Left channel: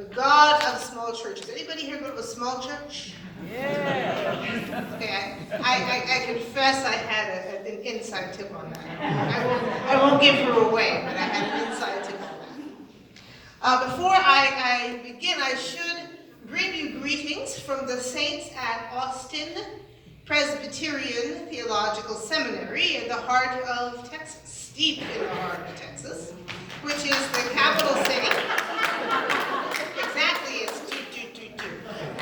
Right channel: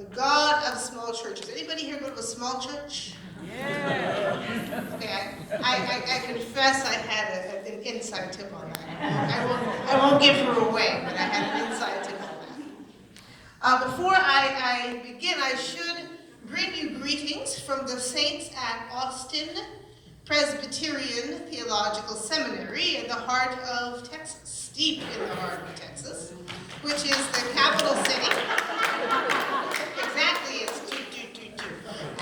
The God of small churches. Anybody here go to a small church? Yeah. Okay, I confess I had an inside tip on that. I won't give her away, but I had an inside tip on that. Before I begin, I should bring you greetings from the saints at Austin Presbyterian Theological Seminary in the heart of Texas, deep in the heart of Texas, which is the capital city. Exactly, it's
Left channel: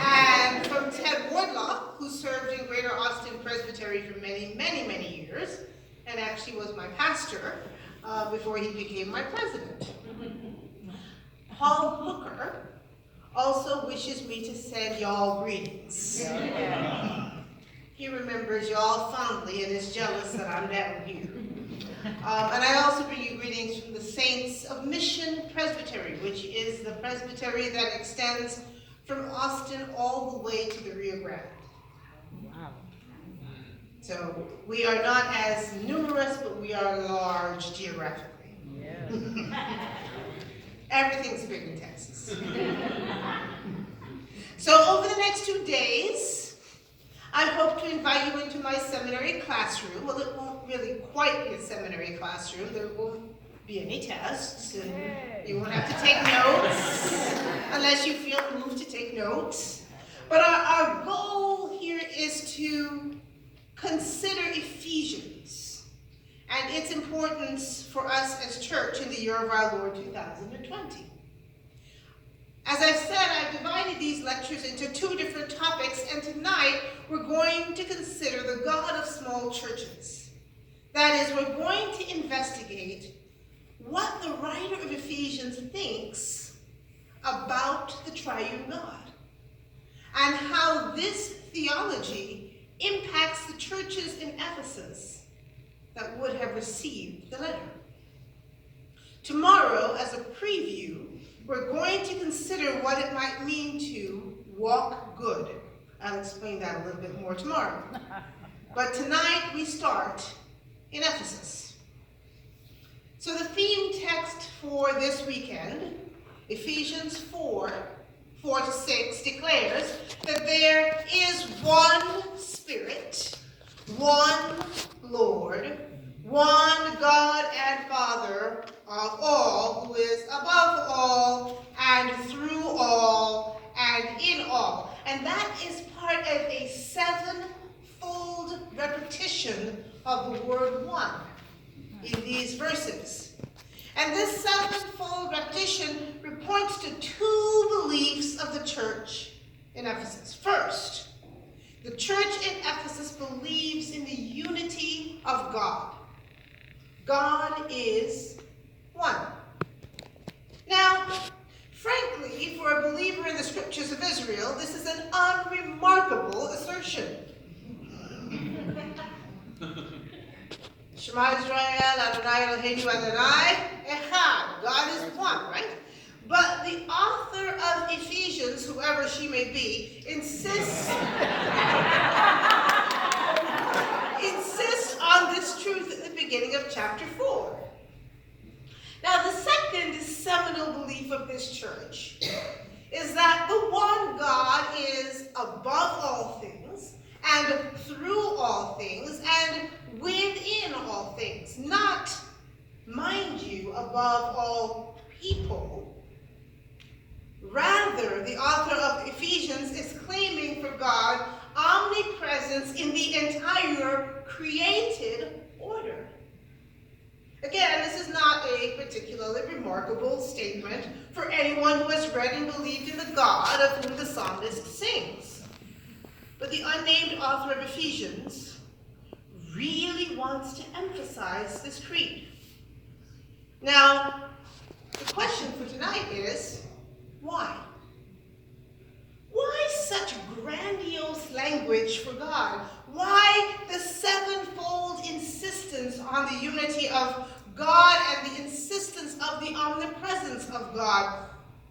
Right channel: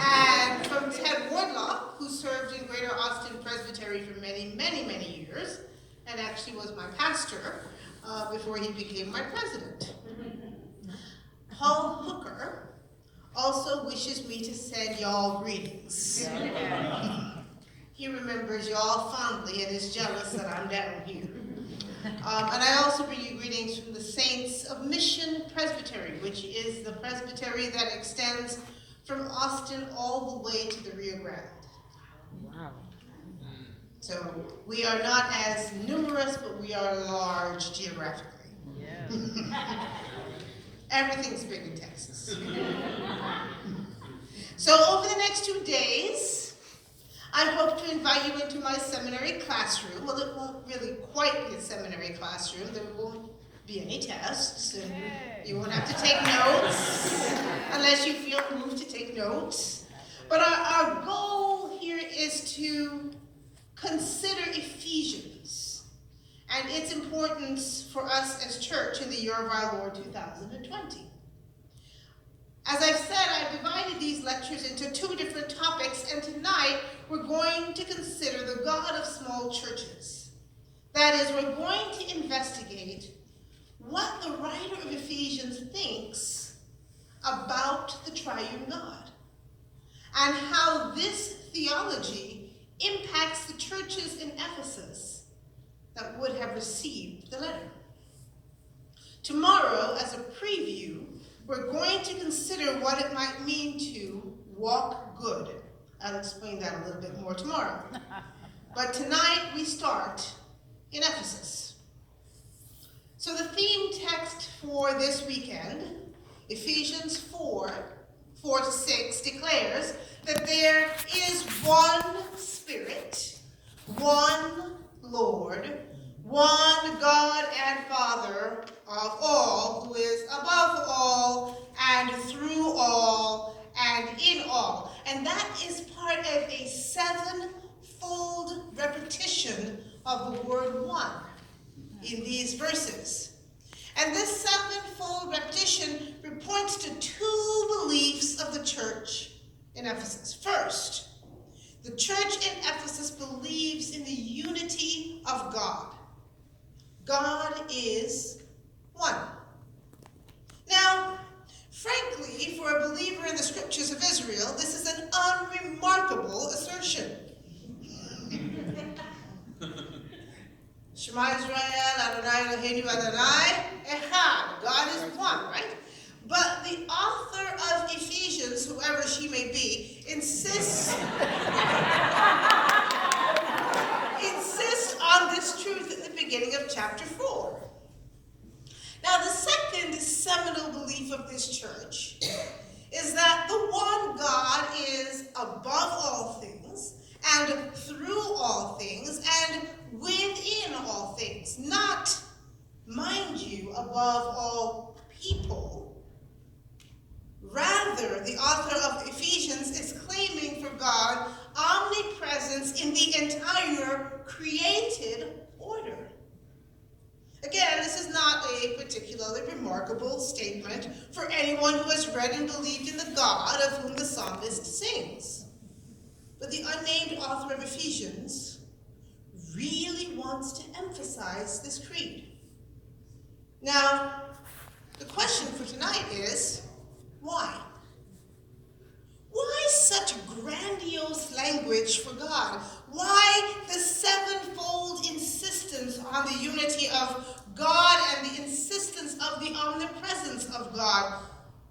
and from Ted Wardlaw, who served in Greater Austin Presbytery for many, many, many years, and actually was my pastor before he became my president. Paul Hooker also wishes me to send y'all greetings. He remembers y'all fondly and is jealous that I'm down here. And I also bring you greetings from the Saints of Mission Presbytery, which is the presbytery that extends from Austin all the way to the Rio Grande. Wow. So we are not as numerous, but we are large geographically. Yeah. Everything's big in Texas. So over the next 2 days, I hope to invite you into my seminary classroom. Well, it won't really quite be a seminary classroom. There won't be any tests, and you won't have to take notes unless you feel moved to take notes. But our goal here is to consider Ephesians and its importance for us as church in the year of our Lord 2020. As I've said, I've divided these lectures into 2 different topics, and tonight we're going to consider the God of small churches. That is, we're going to investigate what the writer of Ephesians thinks about the triune God, and how this theology impacts the churches in Ephesus that would have received the letter. Tomorrow, as a preview, we're going to consider what it might mean to walk good. I'll explain that a little bit more tomorrow. But tonight we start in Ephesus. So the theme text for this weekend, Ephesians 4:4-6, declares that there is one Spirit, one Lord, one God and Father of all, who is above all and through all and in all. And that is part of a 7-fold repetition of the word one in these verses. And this 7-fold repetition points to 2 beliefs of the church in Ephesus. First, the church in Ephesus believes in the unity of God. God is one. Now, frankly, for a believer in the scriptures of Israel, this is an unremarkable assertion. Shema Israel, Adonai Eloheinu Adonai Echad. God is one, right? But the author of Ephesians, whoever she may be, insists on this truth at the beginning of chapter 4. Now, the second seminal belief of this church is that the one God is above all things, and through all things, and within all things. Not, mind you, above all people. Rather, the author of Ephesians is claiming for God omnipresence in the entire created order. Again, this is not a particularly remarkable statement for anyone who has read and believed in the God of whom the psalmist sings. But the unnamed author of Ephesians really wants to emphasize this creed. Now, the question for tonight is, why? Why such grandiose language for God? Why the 7-fold insistence on the unity of God and the insistence of the omnipresence of God?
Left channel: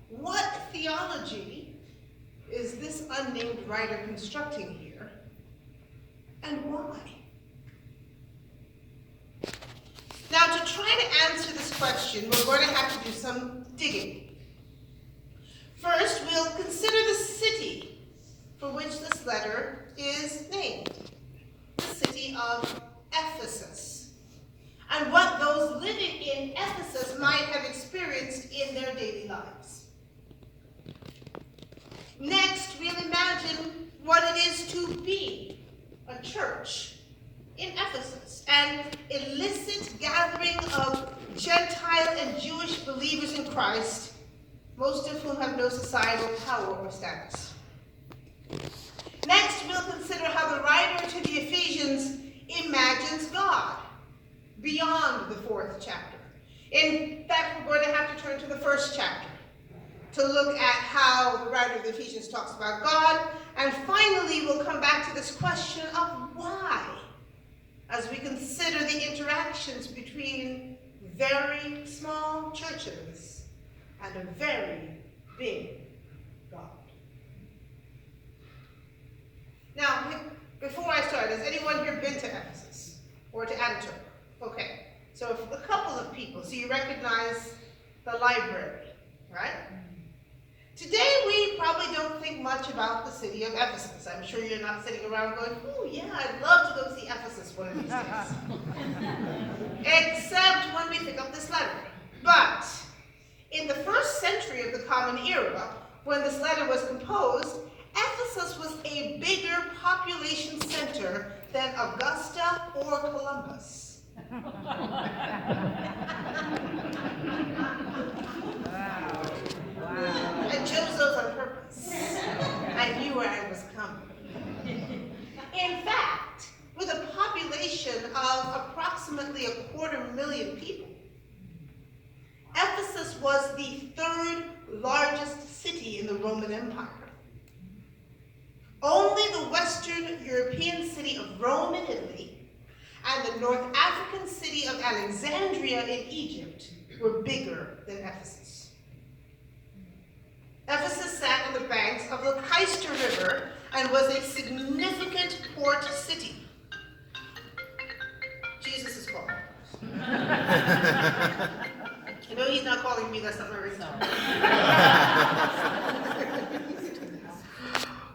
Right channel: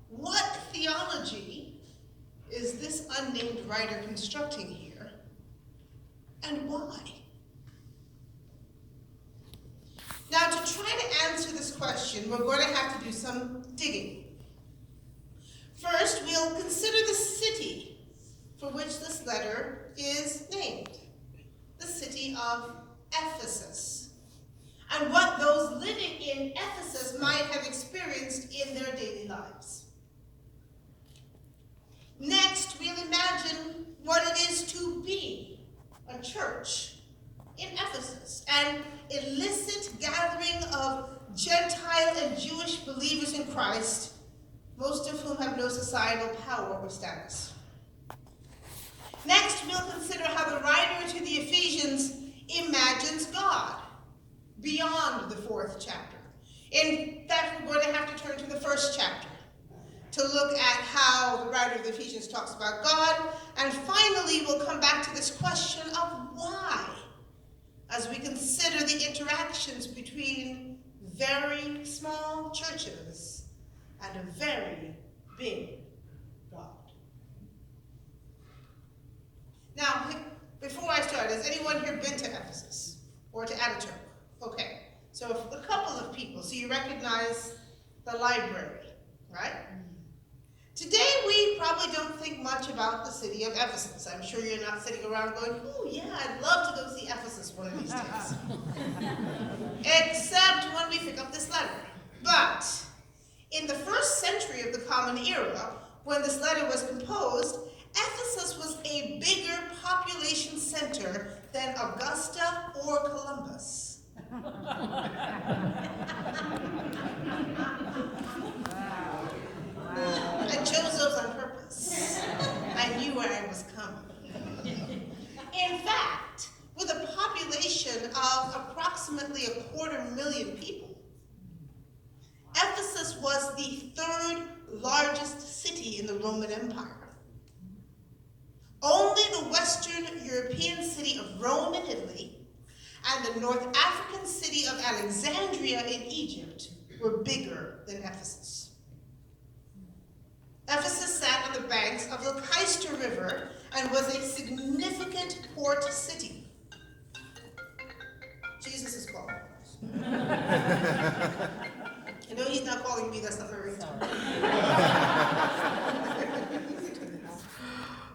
What theology is this unnamed writer constructing here, and why? Now, to try to answer this question, we're going to have to do some digging. First, for which this letter is named, the city of Ephesus, and what those living in Ephesus might have experienced in their daily lives. Next, we'll imagine what it is to be a church in Ephesus, an illicit gathering of Gentile and Jewish believers in Christ, most of whom have no societal power or status. Next, we'll consider how the writer to the Ephesians imagines God beyond the 4th chapter. In fact, we're going to have to turn to the 1st chapter to look at how the writer of the Ephesians talks about God. And finally, we'll come back to this question of why, as we consider the interactions between very small churches and a very big God. Now, before I start, has anyone here been to Ephesus or to Ataturk? Okay, so a couple of people. So you recognize the library, right? Today, we probably don't think much about the city of Ephesus. I'm sure you're not sitting around going, oh yeah, I'd love to go see Ephesus one of these days. Except when we pick up this letter. But in the 1st century of the Common Era, when this letter was composed, Ephesus was a bigger population center than Augusta or Columbus. I chose those on purpose. I knew where I was coming. In fact, with a population of approximately 250,000 people, Ephesus was the 3rd largest city in the Roman Empire. Only the Western European city of Rome in Italy and the North African city of Alexandria in Egypt were bigger than Ephesus. Ephesus sat on the banks of the Cayster River and was a significant port city. Jesus is calling. I know he's not calling me, that's not my ringtone.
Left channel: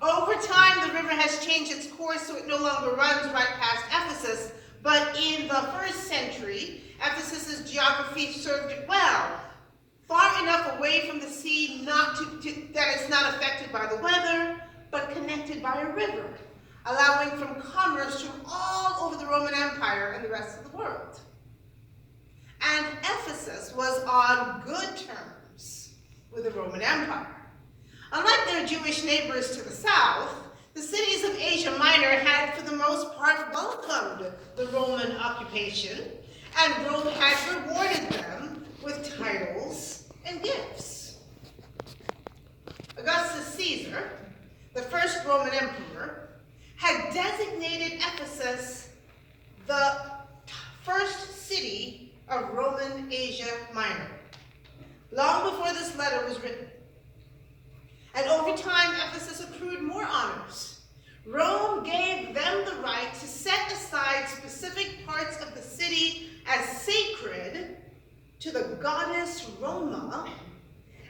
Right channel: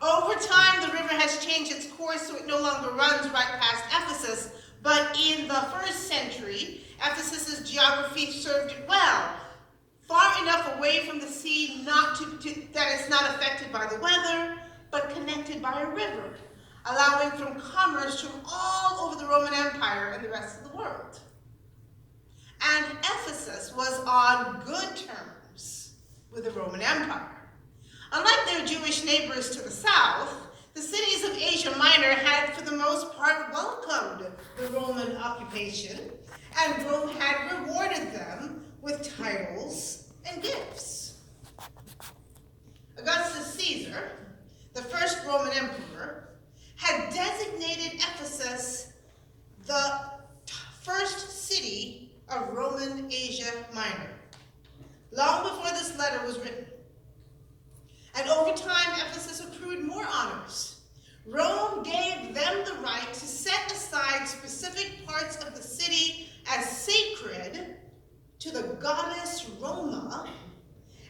Over time, the river has changed its course so it no longer runs right past Ephesus, but in the 1st century, Ephesus's geography served it well, far enough away from the sea that it's not affected by the weather, but connected by a river, allowing from commerce from all over the Roman Empire and the rest of the world. And Ephesus was on good terms with the Roman Empire. Unlike their Jewish neighbors to the south, the cities of Asia Minor had, for the most part, welcomed the Roman occupation, and Rome had rewarded them with titles and gifts. Augustus Caesar, the first Roman emperor, had designated Ephesus the first city of Roman Asia Minor, long before this letter was written. And over time, Ephesus accrued more honors. Rome gave them the right to set aside specific parts of the city as sacred to the goddess Roma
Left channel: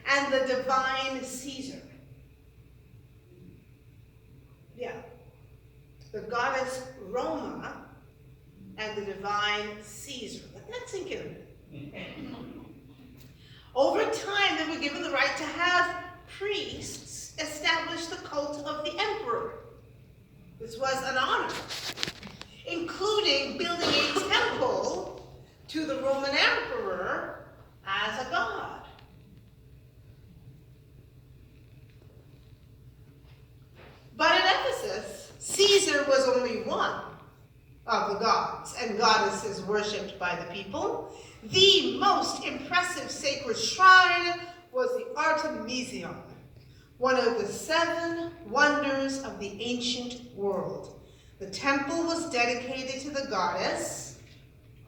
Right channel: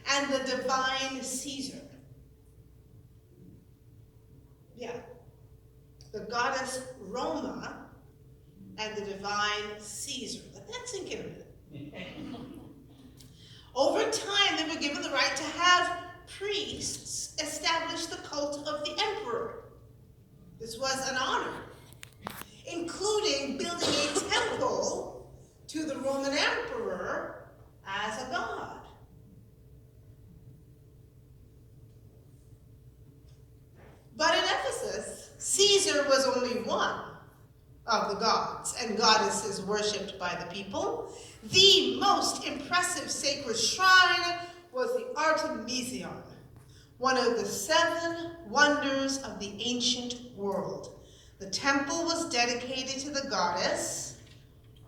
and the divine Caesar. Yeah, the goddess Roma and the divine Caesar. Let that sink in a minute. Over time, they were given the right to have priests establish the cult of the emperor. This was an honor, including building a temple to the Roman emperor as a god. But in Ephesus, Caesar was only one of the gods and goddesses worshipped by the people. The most impressive sacred shrine was the Artemision, one of the 7 wonders of the ancient world. The temple was dedicated to the goddess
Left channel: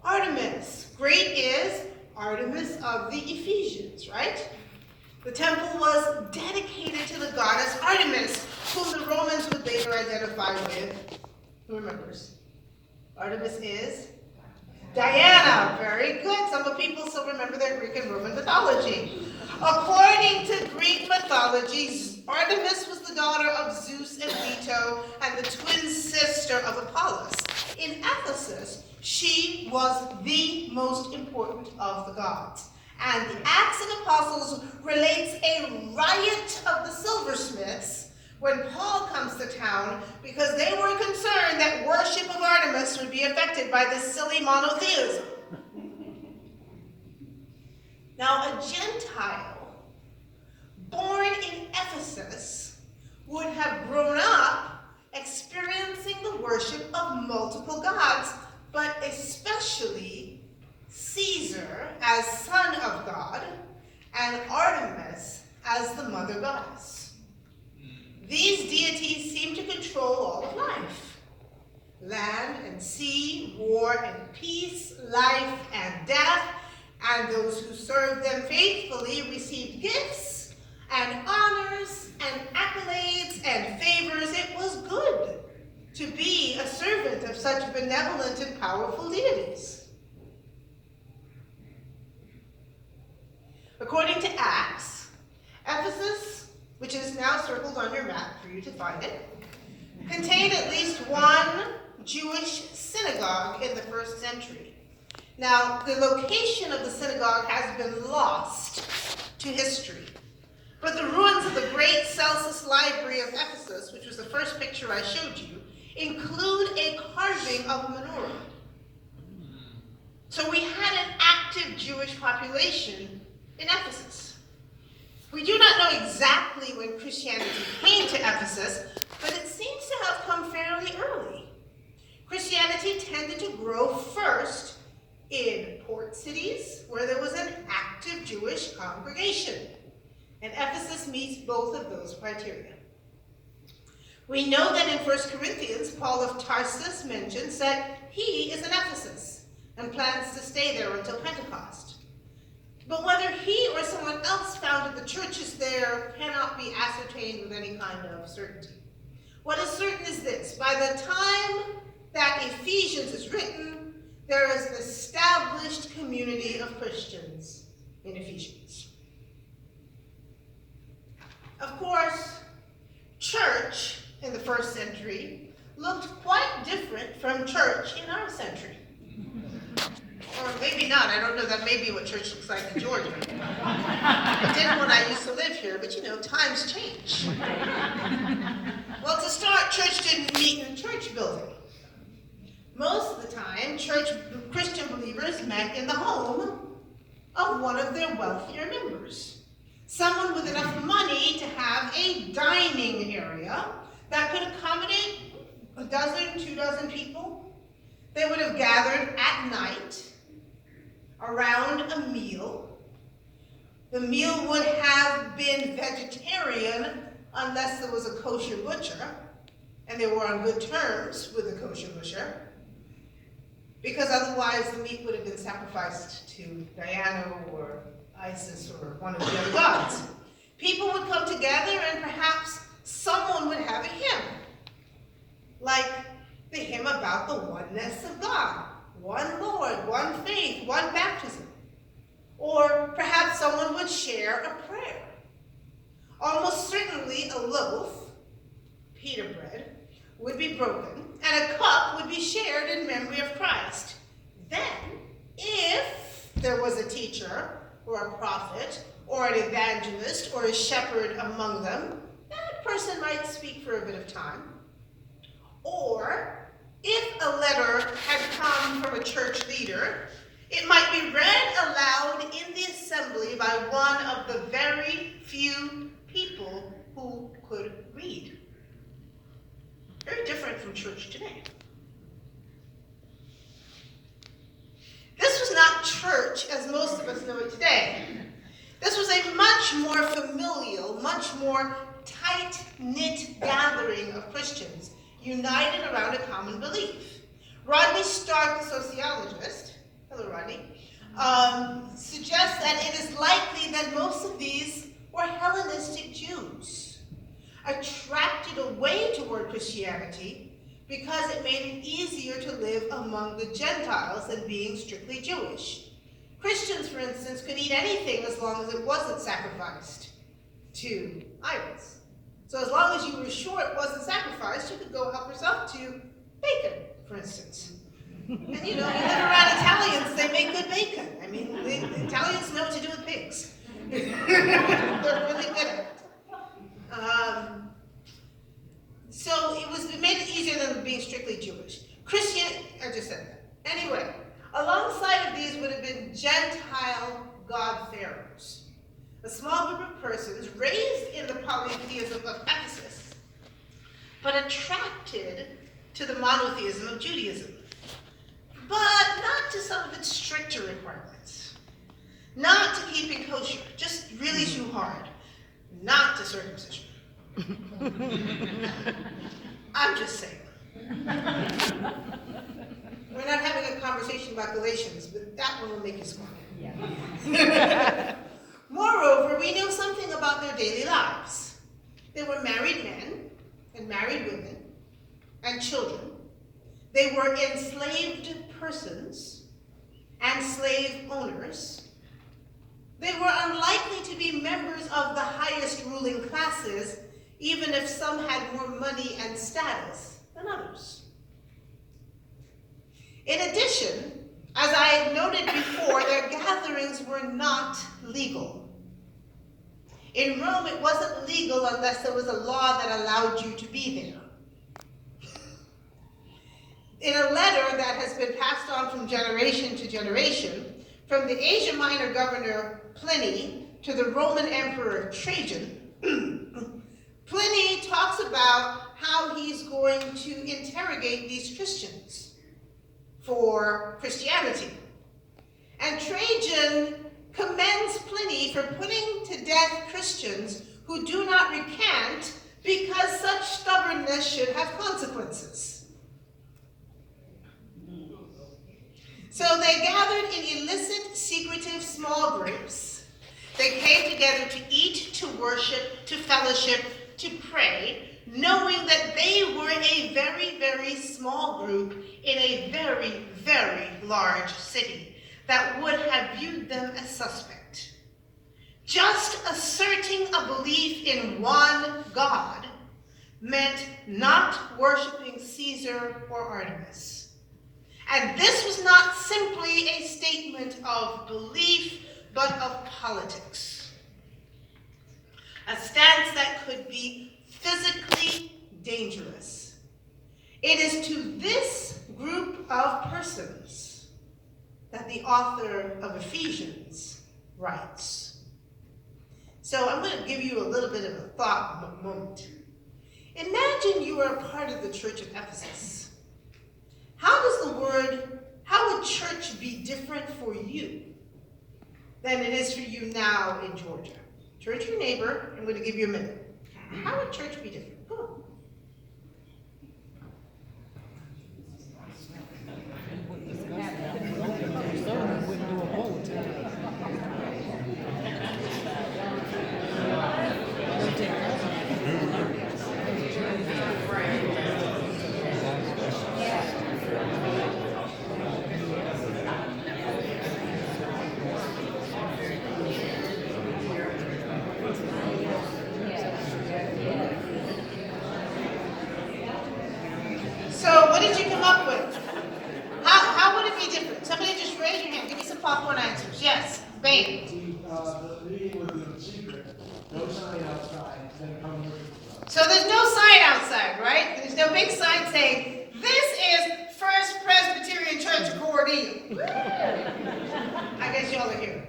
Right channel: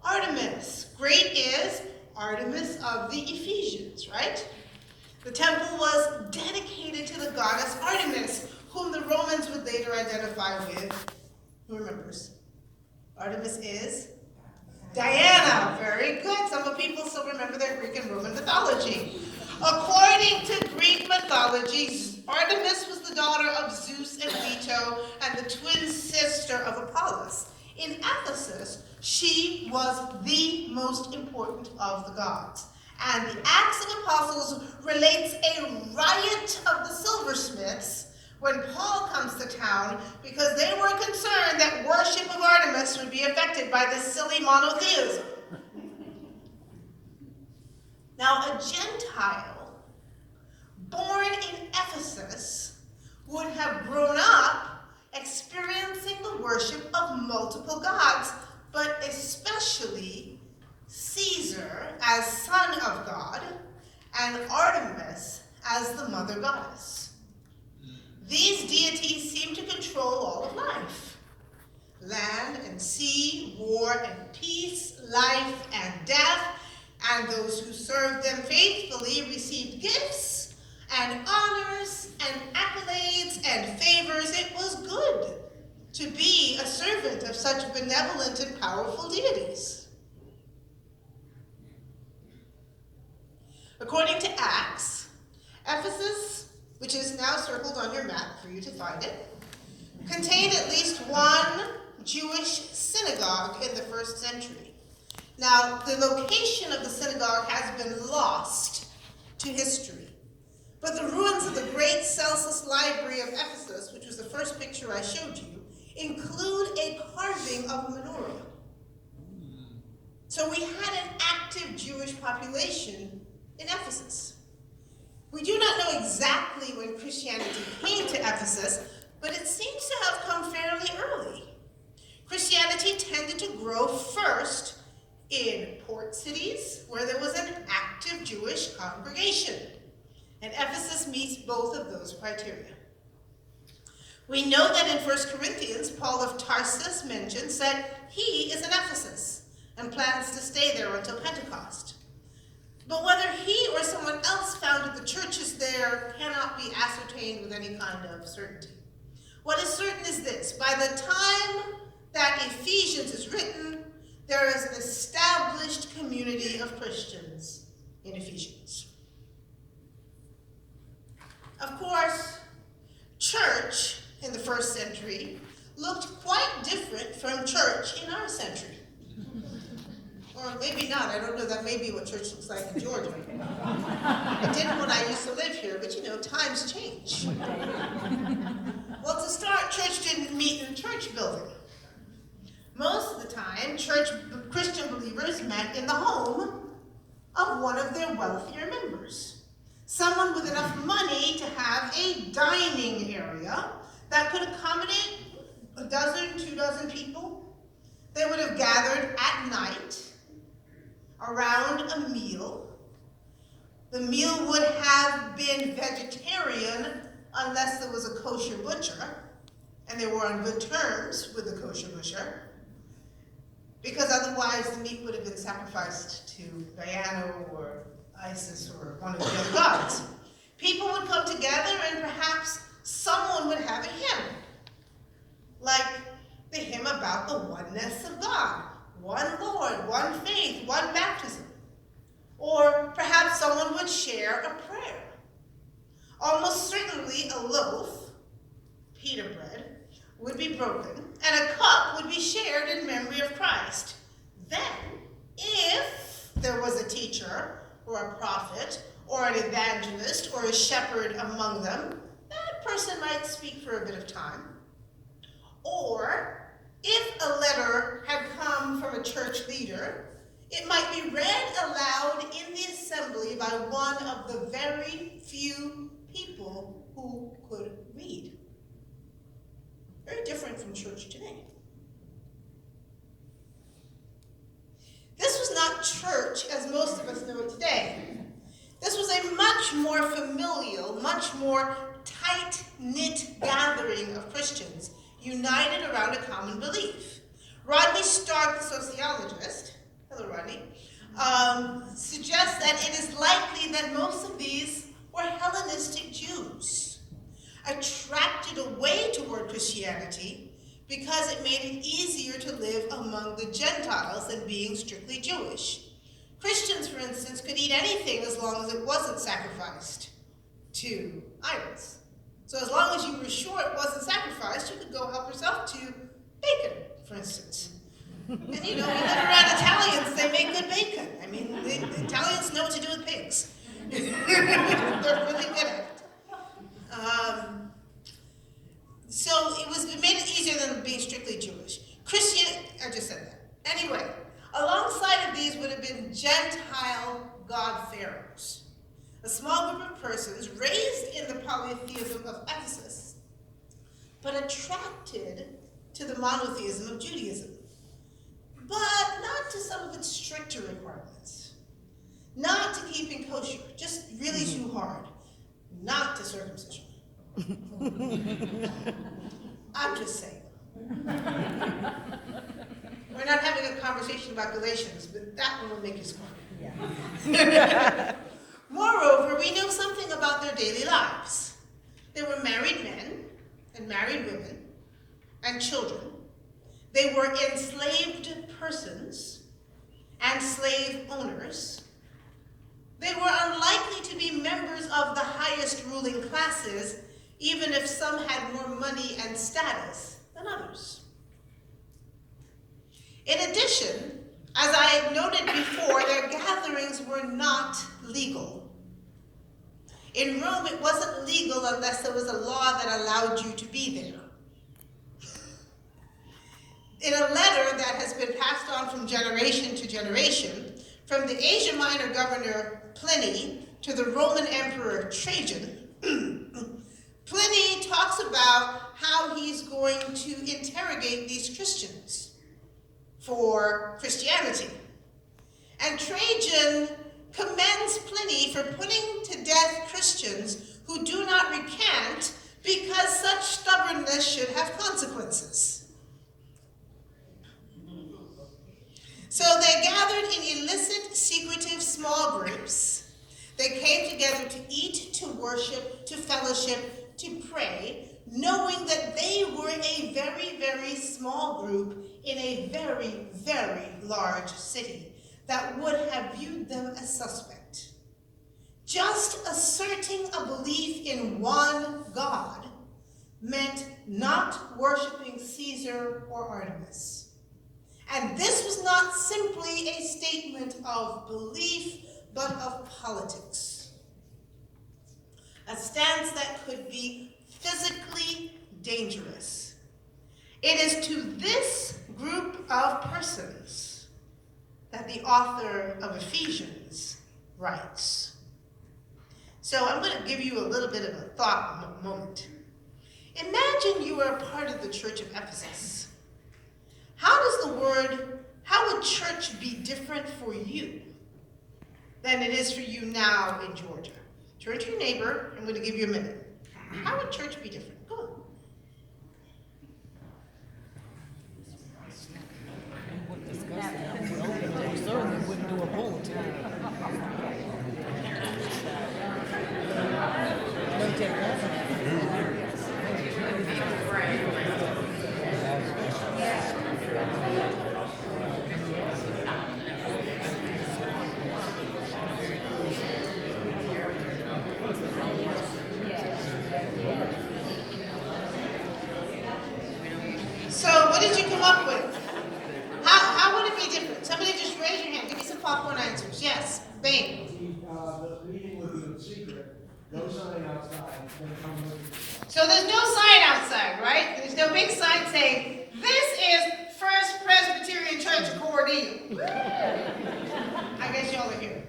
Artemis. Great is Artemis of the Ephesians, right? The temple was dedicated to the goddess Artemis, whom the Romans would later identify with. Who remembers? Artemis is Diana. Very good. Some of people still remember their Greek and Roman mythology. According to Greek mythology, Artemis was the daughter of Zeus and and the twin sister of Apollos. In Ephesus, she was the most important of the gods. And the Acts of Apostles relates a riot of the silversmiths when Paul comes to town because they were concerned that worship of Artemis would be affected by this silly monotheism. Now, a Gentile born in Ephesus would have grown up experiencing the worship of multiple gods, but especially Caesar as son of God and Artemis as the mother goddess. These deities seem to control all of life. Land and sea, war and peace, life and death, and those who served them faithfully received gifts and honors and accolades and favors. It was good to be a servant of such benevolent and powerful deities. According to Acts, Ephesus, which is now circled on your map for you to find it, contained at least one Jewish synagogue in the first century. Now, the location of the synagogue has been lost to history, but the ruins of the great Celsus Library of Ephesus, which was the first picture I showed you, include a carving of a menorah. So we had an active Jewish population in Ephesus. We do not know exactly when Christianity came to Ephesus, but it seems to have come fairly early. Christianity tended to grow first in port cities where there was an active Jewish congregation, and Ephesus meets both of those criteria. We know that in 1 Corinthians, Paul of Tarsus mentions that he is in Ephesus and plans to stay there until Pentecost. But whether he or someone else founded the churches there cannot be ascertained with any kind of certainty. What is certain is this: by the time that Ephesians is written, there is an established community of Christians in Ephesians. Of course, church in the first century looked quite different from church in our century. Or maybe not, I don't know, that may be what church looks like in Georgia. It didn't when I used to live here, but times change. Well, to start, church didn't meet in a church building. Most of the time, Christian believers met in the home of one of their wealthier members. Someone with enough money to have a dining area that could accommodate a dozen, 24 people. They would have gathered at night around a meal. The meal would have been vegetarian unless there was a kosher butcher, and they were on good terms with the kosher butcher, because otherwise the meat would have been sacrificed to Diana or Isis or one of the other gods. People would come together and perhaps someone would have a hymn, like the hymn about the oneness of God. One Lord, one faith, one baptism. Or perhaps someone would share a prayer. Almost certainly a loaf, pita bread, would be broken, and a cup would be shared in memory of Christ. Then, if there was a teacher, or a prophet, or an evangelist, or a shepherd among them, that person might speak for a bit of time. Or, if a letter had come from a church leader, it might be read aloud in the assembly by one of the very few people who could read. Very different from church today. This was not church as most of us know it today. This was a much more familial, much more tight-knit gathering of Christians united around a common belief. Rodney Stark, the sociologist, hello Rodney, suggests that it is likely that most of these were Hellenistic Jews, attracted away toward Christianity because it made it easier to live among the Gentiles than being strictly Jewish. Christians, for instance, could eat anything as long as it wasn't sacrificed to idols. So as long as you were sure it wasn't sacrificed, you could go help yourself to bacon, for instance. And you know, you live around Italians, they make good bacon. I mean, the Italians know what to do with pigs. They're really good at it. So it made it easier than being strictly Jewish. I just said that. Anyway, alongside of these would have been Gentile God-pharaohs, a small group of persons raised in the polytheism of Ephesus, but attracted to the monotheism of Judaism, but not to some of its stricter requirements, not to keeping kosher, just really too hard, not to circumcision. I'm just saying. We're not having a conversation about Galatians, but that one will make you smart. Yeah. Moreover, we know something about their daily lives. They were married men and married women and children. They were enslaved persons and slave owners. They were unlikely to be members of the highest ruling classes, even if some had more money and status than others. In addition, as I had noted before, their gatherings were not legal. In Rome, it wasn't legal unless there was a law that allowed you to be there. In a letter that has been passed on from generation to generation, from the Asia Minor governor Pliny to the Roman Emperor Trajan, Pliny talks about how he's going to interrogate these Christians for Christianity. And Trajan commends Pliny for putting to death Christians who do not recant because such stubbornness should have consequences. So they gathered in illicit, secretive small groups. They came together to eat, to worship, to fellowship, to pray, knowing that they were a very, very small group in a very, very large city that would have viewed them as suspect. Just asserting a belief in one God meant not worshiping Caesar or Artemis. And this was not simply a statement of belief, but of politics. A stance that could be physically dangerous. It is to this group of persons that the author of Ephesians writes. So I'm going to give you a little bit of a thought moment. Imagine you are a part of the church of Ephesus. How would church be different for you than it is for you now in Georgia? Turn to your neighbor, I'm going to give you a minute. How would church be different? Go on. So what did you come up with? How would it be different? Somebody just raise your hand. Give me some popcorn answers. Yes, Bain. The meeting would be in secret. No sign outside. So there's no sign outside, right? There's no big sign saying, this is First Presbyterian Church of Gordon. I guess y'all are here.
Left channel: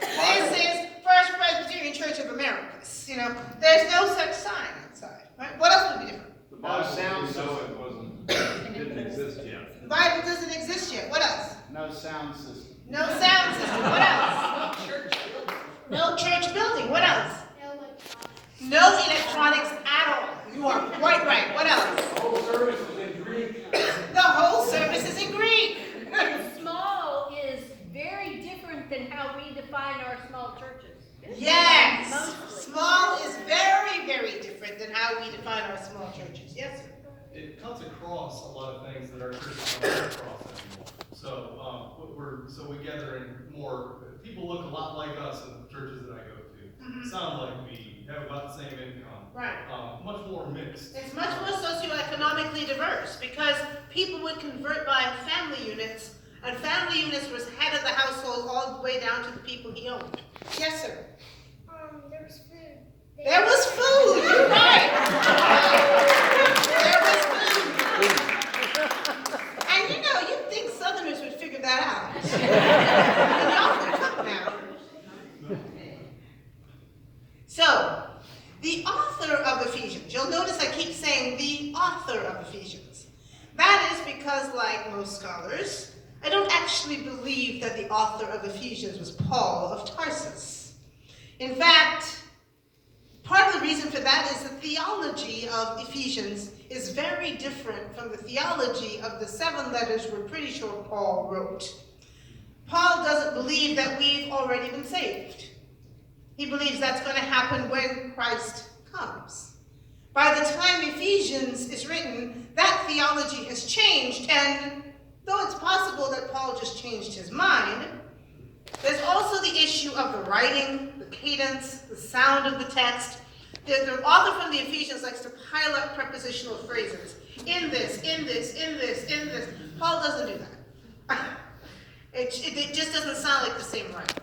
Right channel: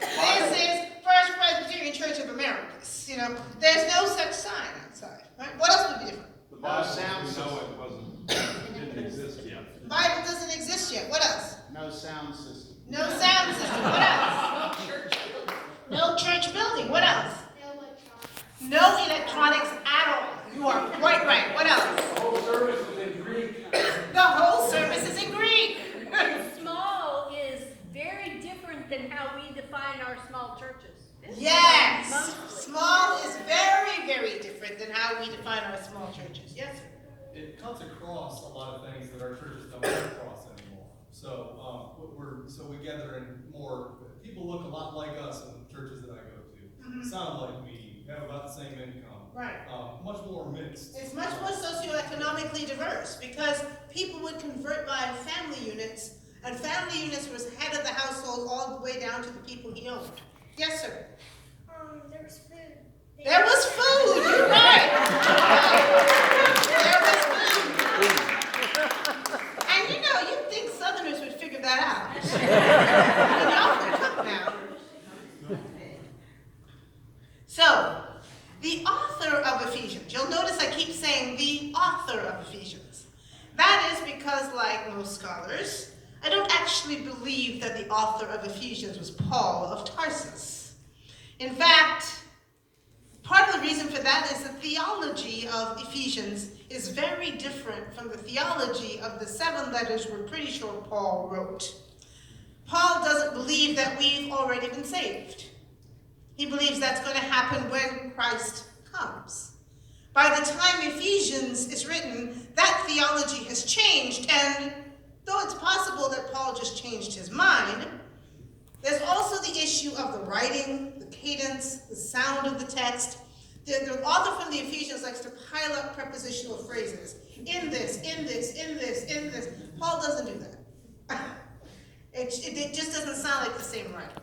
This is First Presbyterian Church of Americas. You know, there's no such sign outside. Right? What else would be different? No sound system. Didn't exist yet. The Bible doesn't exist yet. What else? No sound system. No sound system. What else? No church building. What else? No electronics at all. You are quite right. What else? The whole service is in Greek. The whole service is in Greek. Small is very different than how we define our small churches. Yes. Mostly. Small is very, very different than how we define our small churches. Yes, sir. It cuts across a lot of things that our churches don't cut across anymore. So we gather in more. People look a lot like us in the churches that I go to. Sound like me. Have about more mixed. It's much more socioeconomically diverse because people would convert by family units, and family units was head of the household all the way down to the people he owned. Yes, sir. There was food. There was food. You're right. There was food. And you know, you'd think Southerners would figure that out. I mean, y'all can cook now. So, the author of Ephesians, you'll notice I keep saying the author of Ephesians. That is because, like most scholars, I don't actually believe that the author of Ephesians was Paul of Tarsus. In fact, part of the reason for that is the theology of Ephesians is very different from the theology of the 7 letters we're pretty sure Paul wrote. Paul doesn't believe that we've already been saved. He believes that's going to happen when Christ comes. By the time Ephesians is written, that theology has changed, and though it's possible that Paul just changed his mind, there's also the issue of the writing, the cadence, the sound of the text. The author from the Ephesians likes to pile up prepositional phrases. In this, in this, in this, in this. Paul doesn't do that. It just doesn't sound like the same writing.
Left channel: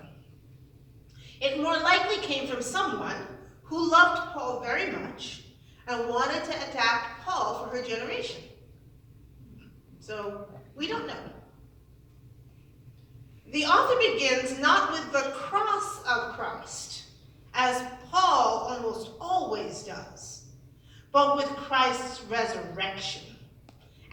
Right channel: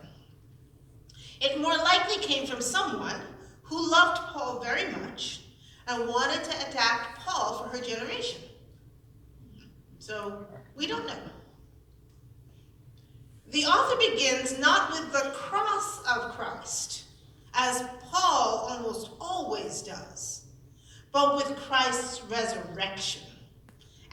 It more likely came from someone who loved Paul very much and wanted to adapt Paul for her generation. So, we don't know. The author begins not with the cross of Christ, as Paul almost always does, but with Christ's resurrection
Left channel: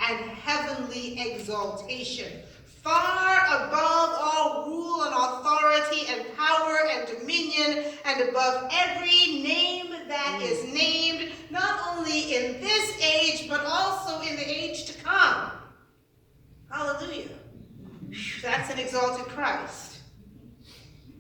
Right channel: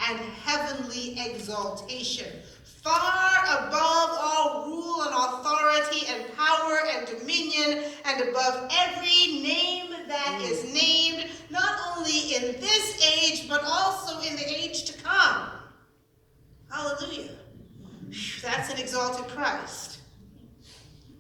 and heavenly exaltation, far above all rule and authority and power and dominion, and above every name that is named, not only in this age, but also in the age to come. Hallelujah. That's an exalted Christ.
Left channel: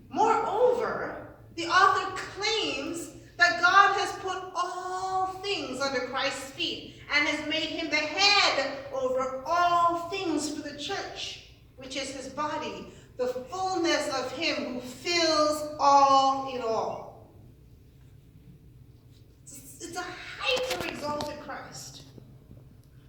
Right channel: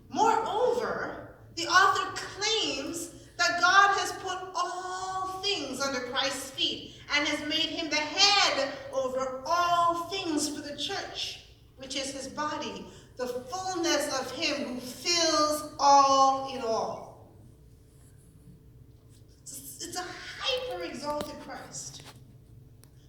Moreover, the author claims that God has put all things under Christ's feet and has made him the head over all things for the church, which is his body, the fullness of him who fills all in all. It's a hyper-exalted Christ.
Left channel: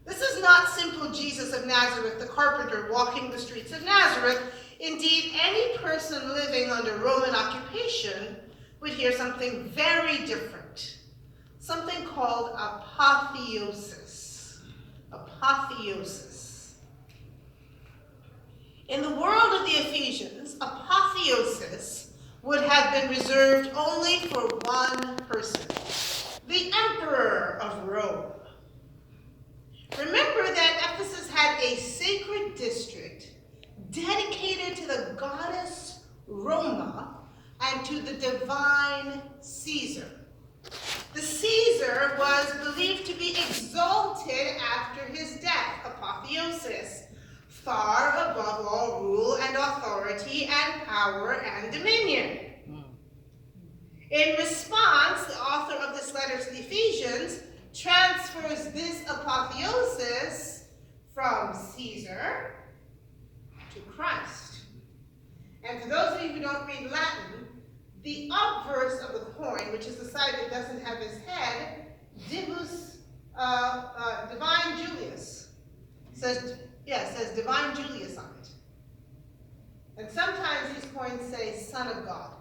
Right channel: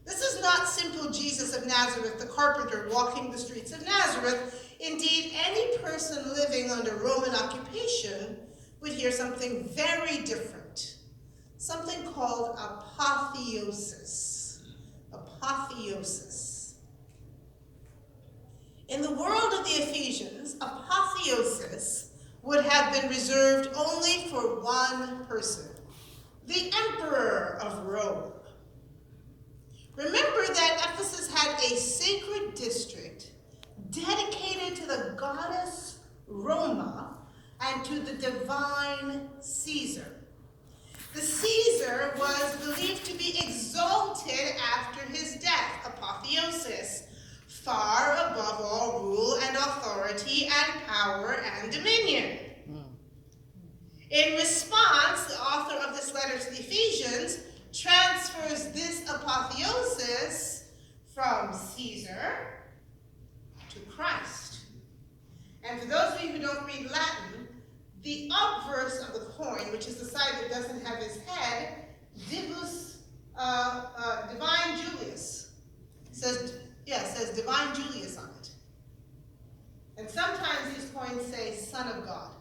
This is not simple Jesus of Nazareth, the carpenter walking the streets of Nazareth. Indeed, any person living under Roman occupation would hear something very different, something called apotheosis. Apotheosis. In the world of the Ephesians, apotheosis would have been reserved only for one person, the emperor of Rome. Remember that Ephesus had a sacred district dedicated to the goddess Roma and to the divine Caesar. The Caesar was believed to be exalted after his death, apotheosis, far above all rule and authority and power and dominion. In response, the author of this letter to the Ephesians transfers this apotheosis from Caesar to Christ. And for those of you who don't read Latin, the obverse of the coin, which is the side that doesn't have his head, divus, divine Julius, says divine Julius on it. And sometimes these coins say Son of God.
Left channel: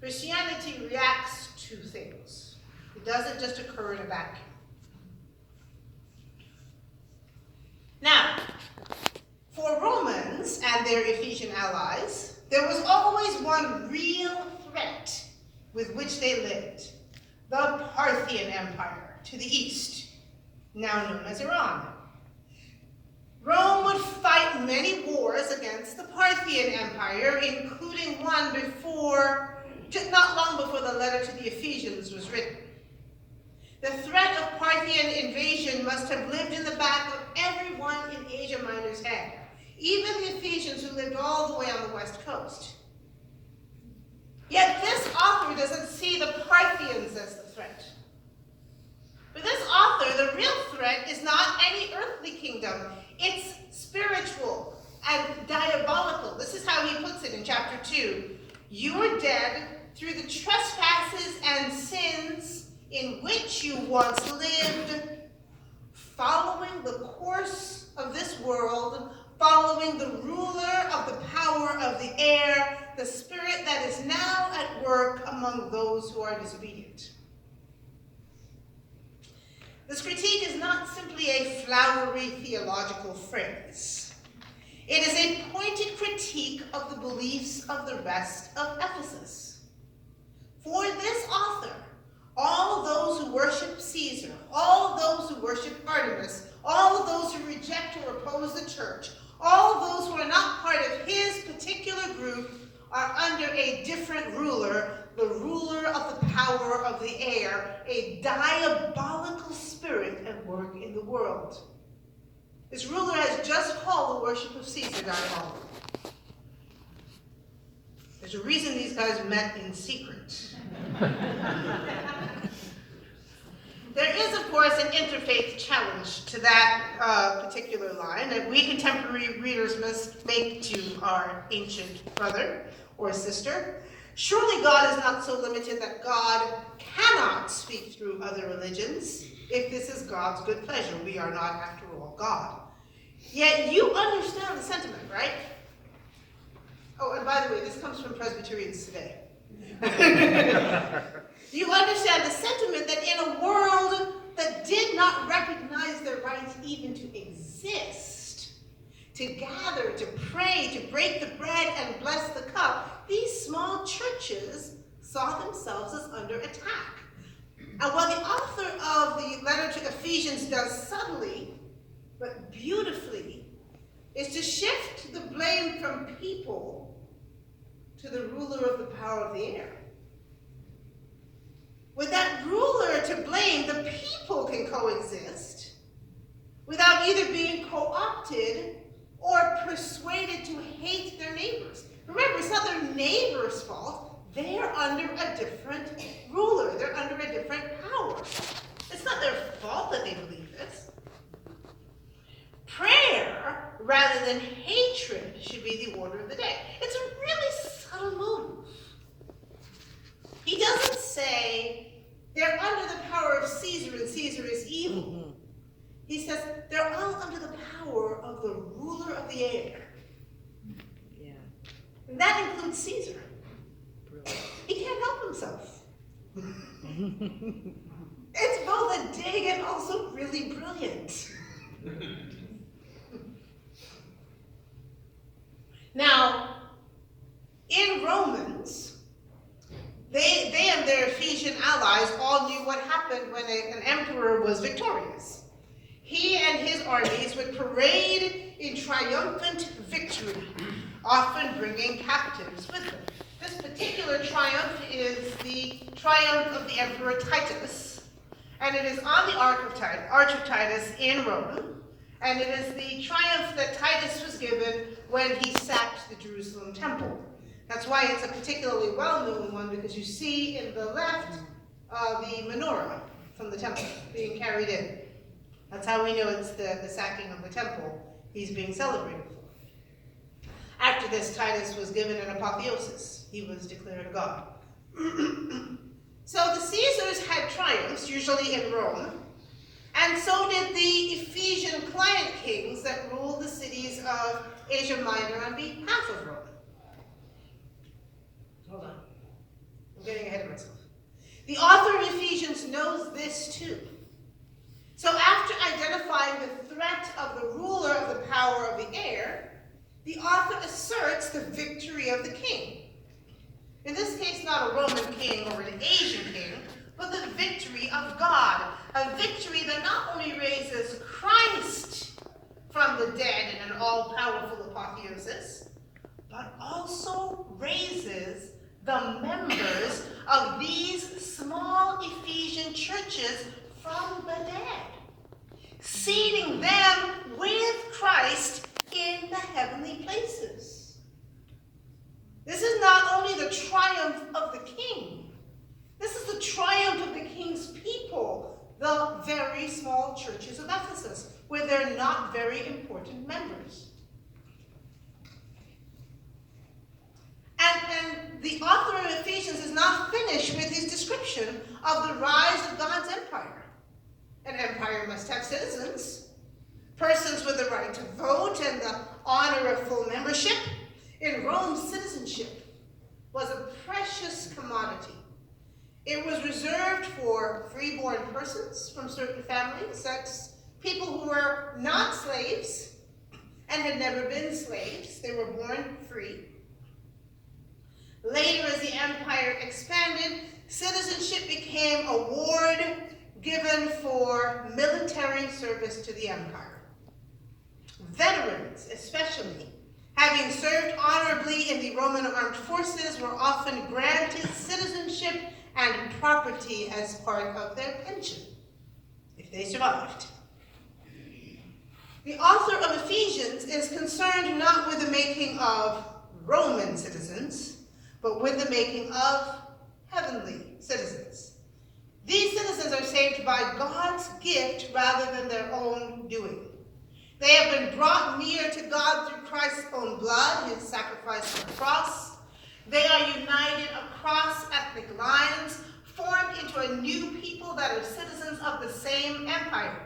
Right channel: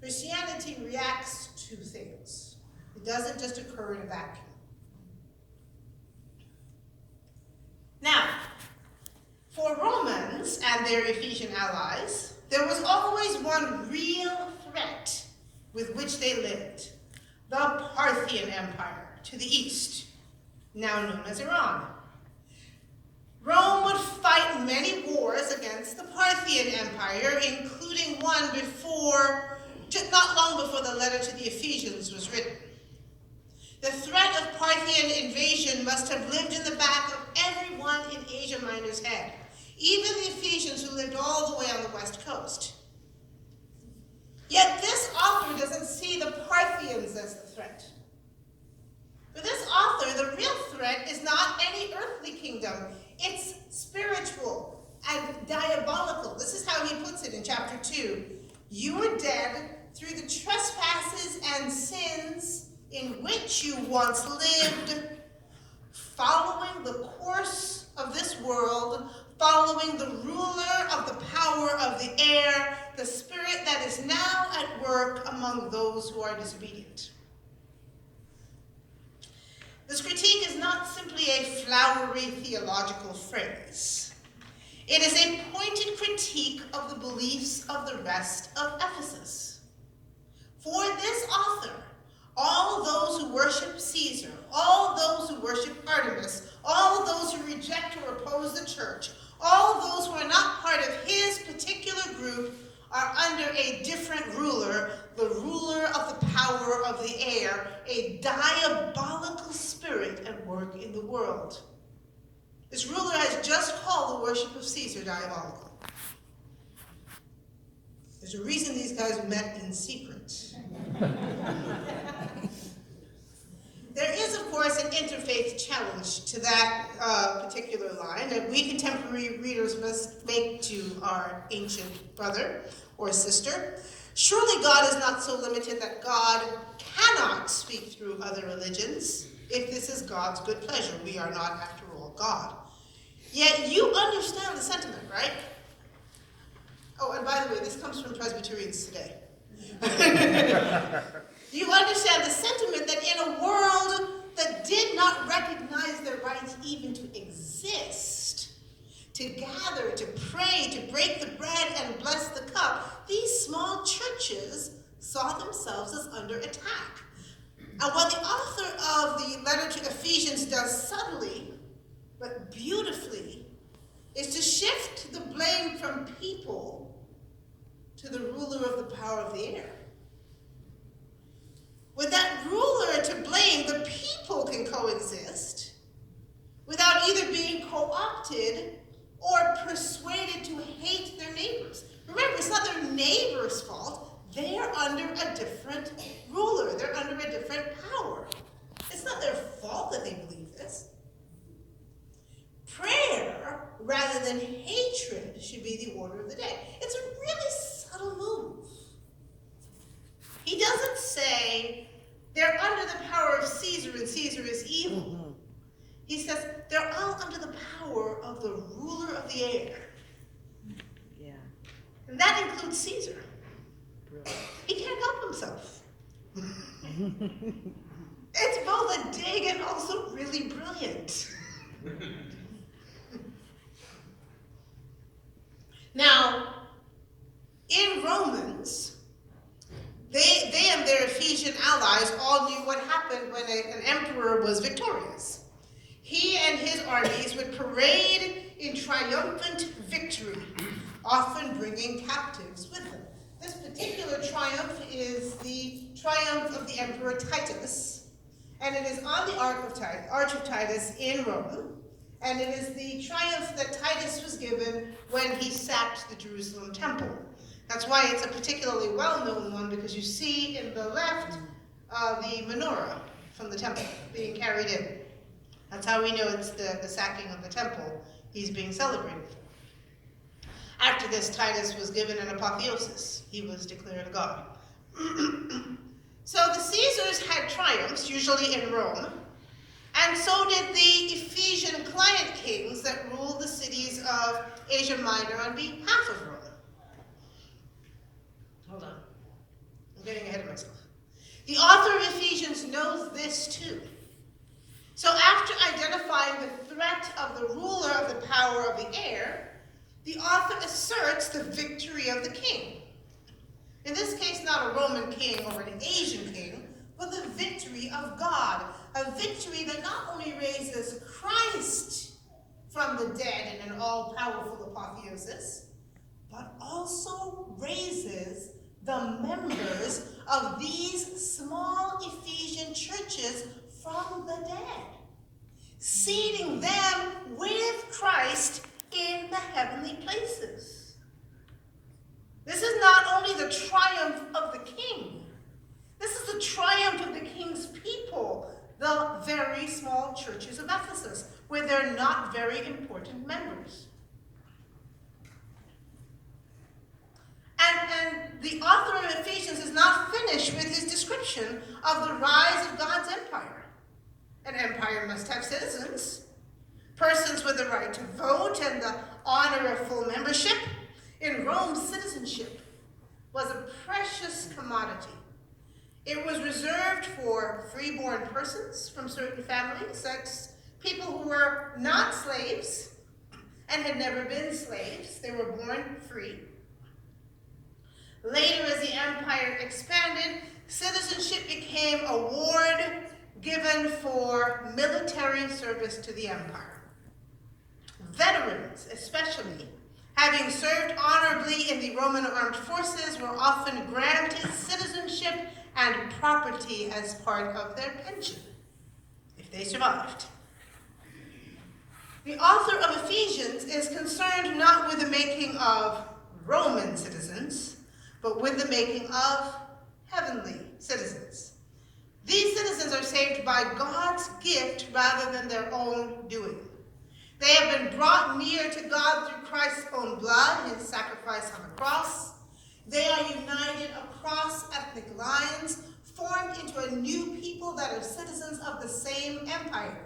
Christianity reacts to things. It doesn't just occur in a vacuum. Now, for Romans and their Ephesian allies, there was always one real threat with which they lived, the Parthian Empire to the east, now known as Iran. Rome would fight many wars against the Parthian Empire, including one not long before the letter to the Ephesians was written. The threat of Parthian invasion must have lived in the back of everyone in Asia Minor's head, even the Ephesians who lived all the way on the west coast. Yet this author doesn't see the Parthians as the threat. For this author, the real threat is not any earthly kingdom. It's spiritual and diabolical. This is how he puts it in chapter 2. You were dead through the trespasses and sins in which you once lived, following the course of this world, following the ruler of the power of the air, the spirit that is now at work among those who are disobedient. This critique is not simply a flowery theological phrase. It is a pointed critique of the beliefs of the rest of Ephesus. For this author, all those who worship Caesar, all those who worship Artemis, all those who reject or oppose the church, all those who are not part of his particular group are under a different ruler, the ruler of the power of the air, a diabolical spirit at work in the world. This ruler has just called the worship of Caesar diabolical. There's a reason these guys met in secret. There is, of course, an interfaith challenge to that particular line that we contemporary readers must make to our ancient brother or sister. Surely God is not so limited that God cannot speak through other religions if this is God's good pleasure. We are not, after all, God. Yet you understand the sentiment, right? Oh, and by the way, this comes from Presbyterians today. You understand the sentiment that in a world that did not recognize their rights even to exist, to gather, to pray, to break the bread and bless the cup, these small churches saw themselves as under attack. And what the author of the letter to Ephesians does subtly, but beautifully, is to shift the blame from people to the ruler of the power of the air. With that ruler to blame, the people can coexist without either being co-opted or persuaded to hate their neighbors. Remember, it's not their neighbor's fault. They're under a different ruler. They're under a different power. It's not their fault that they believe this. Prayer, rather than hatred, should be the order of the day. It's a really subtle move. He doesn't say they're under the power of Caesar and Caesar is evil. He says they're all under the power of the ruler of the air. Yeah. And that includes Caesar. He can't help himself. It's both a dig and also really brilliant. Now, in Romans, they and their Ephesian allies all knew what happened when an emperor was victorious. He and his armies would parade in triumphant victory, often bringing captives with them. This particular triumph is the triumph of the Emperor Titus, and it is on the Arch of Titus in Rome, and it is the triumph that Titus was given when he sacked the Jerusalem temple. That's why it's a particularly well-known one, because you see in the left the menorah from the temple being carried in. That's how we know it's the sacking of the temple he's being celebrated for. After this, Titus was given an apotheosis. He was declared a god. So the Caesars had triumphs, usually in Rome, and so did the Ephesian client kings that ruled the cities of Asia Minor on behalf of Rome. Hold on. I'm getting ahead of myself. The author of Ephesians knows this too. So after identifying the threat of the ruler of the power of the air, the author asserts the victory of the king. In this case, not a Roman king or an Asian king, but the victory of God. A victory that not only raises Christ from the dead in an all-powerful apotheosis, but also raises the members of these small Ephesian churches from the dead, seating them with Christ in the heavenly places. This is not only the triumph of the king, this is the triumph of the king's people, the very small churches of Ephesus, where they're not very important members. And the author of Ephesians is does not finish with his description of the rise of God's empire. An empire must have citizens, persons with the right to vote and the honor of full membership. In Rome, citizenship was a precious commodity. It was reserved for freeborn persons from certain families, such people who were not slaves and had never been slaves. They were born free. Later, as the empire expanded, citizenship became a award given for military service to the empire. Veterans, especially, having served honorably in the Roman armed forces, were often granted citizenship and property as part of their pension, if they survived. The author of Ephesians is concerned not with the making of Roman citizens, but with the making of heavenly citizens. These citizens are saved by God's gift rather than their own doing. They have been brought near to God through Christ's own blood, his sacrifice on the cross. They are united across ethnic lines, formed into a new people that are citizens of the same empire.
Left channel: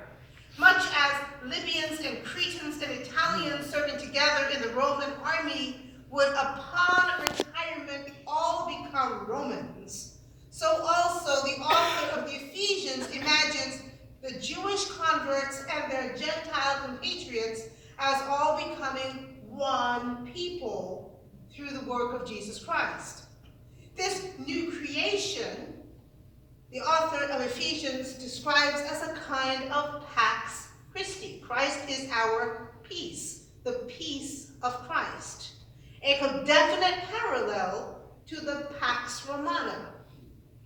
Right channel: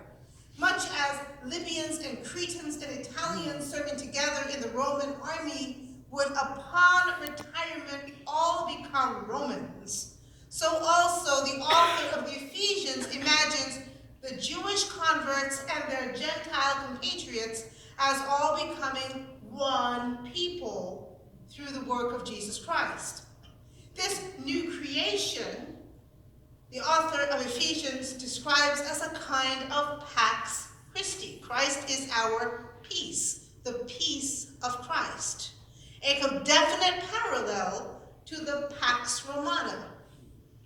Much as Libyans and Cretans and Italians serving together in the Roman army would, upon retirement, all become Romans, so also the author of the Ephesians imagines the Jewish converts and their Gentile compatriots as all becoming one people through the work of Jesus Christ. This new creation, the author of Ephesians describes as a kind of Pax Christi. Christ is our peace, the peace of Christ. A definite parallel to the Pax Romana,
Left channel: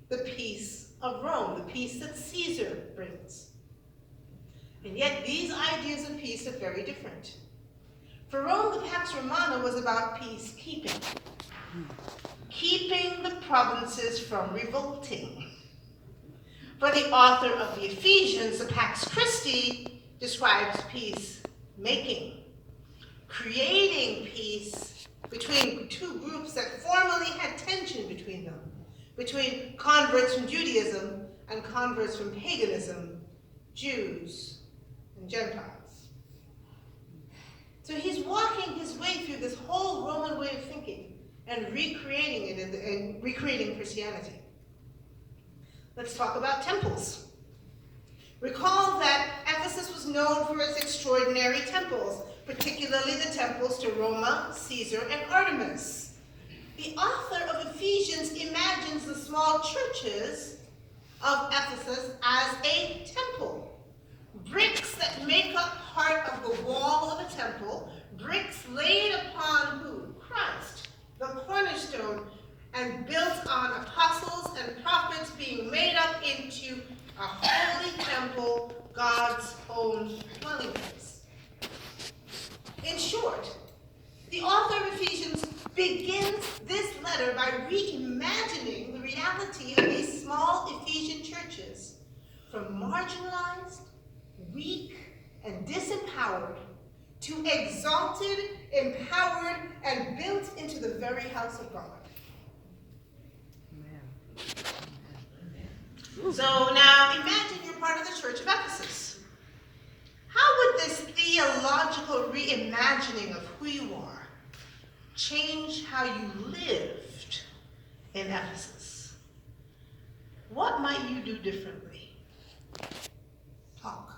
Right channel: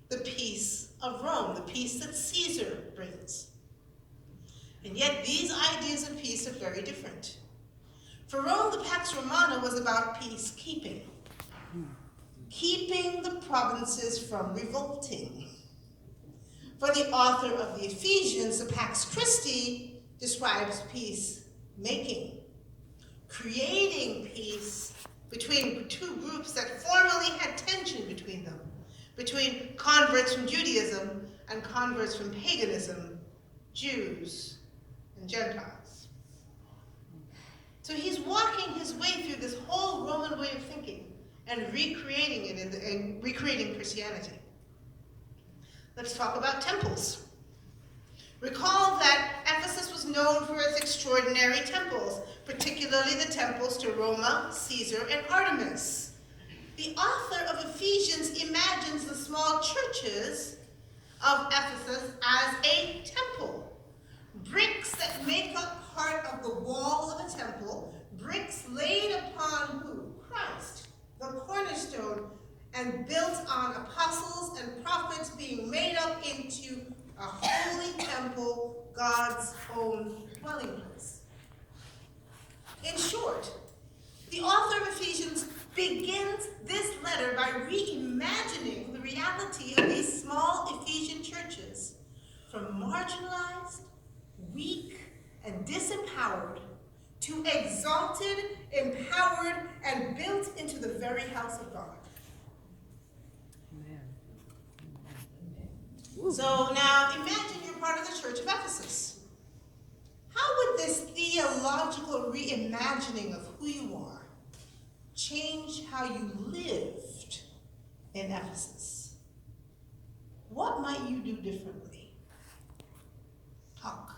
the peace of Rome, the peace that Caesar brings. And yet these ideas of peace are very different. For Rome, the Pax Romana was about peacekeeping, keeping the provinces from revolting. For the author of the Ephesians, the Pax Christi describes peacemaking, creating peace between two groups that formerly had tension between them, between converts from Judaism and converts from paganism, Jews and Gentiles. So he's walking his way through this whole Roman way of thinking and recreating it and recreating Christianity. Let's talk about temples. Recall that Ephesus was known for its extraordinary temples, particularly the temples to Roma, Caesar, and Artemis. The author of Ephesians imagines the small churches of Ephesus as a temple. Bricks that make up part of the wall of a temple, bricks laid upon who? Christ, the cornerstone, and built on apostles and prophets, being made up into a holy temple, God's own dwelling place. In short, the author of Ephesians begins this letter by reimagining the reality of these small Ephesian churches from marginalized, weak, and disempowered to exalted, empowered, and built into the very house of God. So now imagine you're part of the church of Ephesus. How would this theological reimagining of who you are change how you lived in Ephesus? What might you do differently? Talk.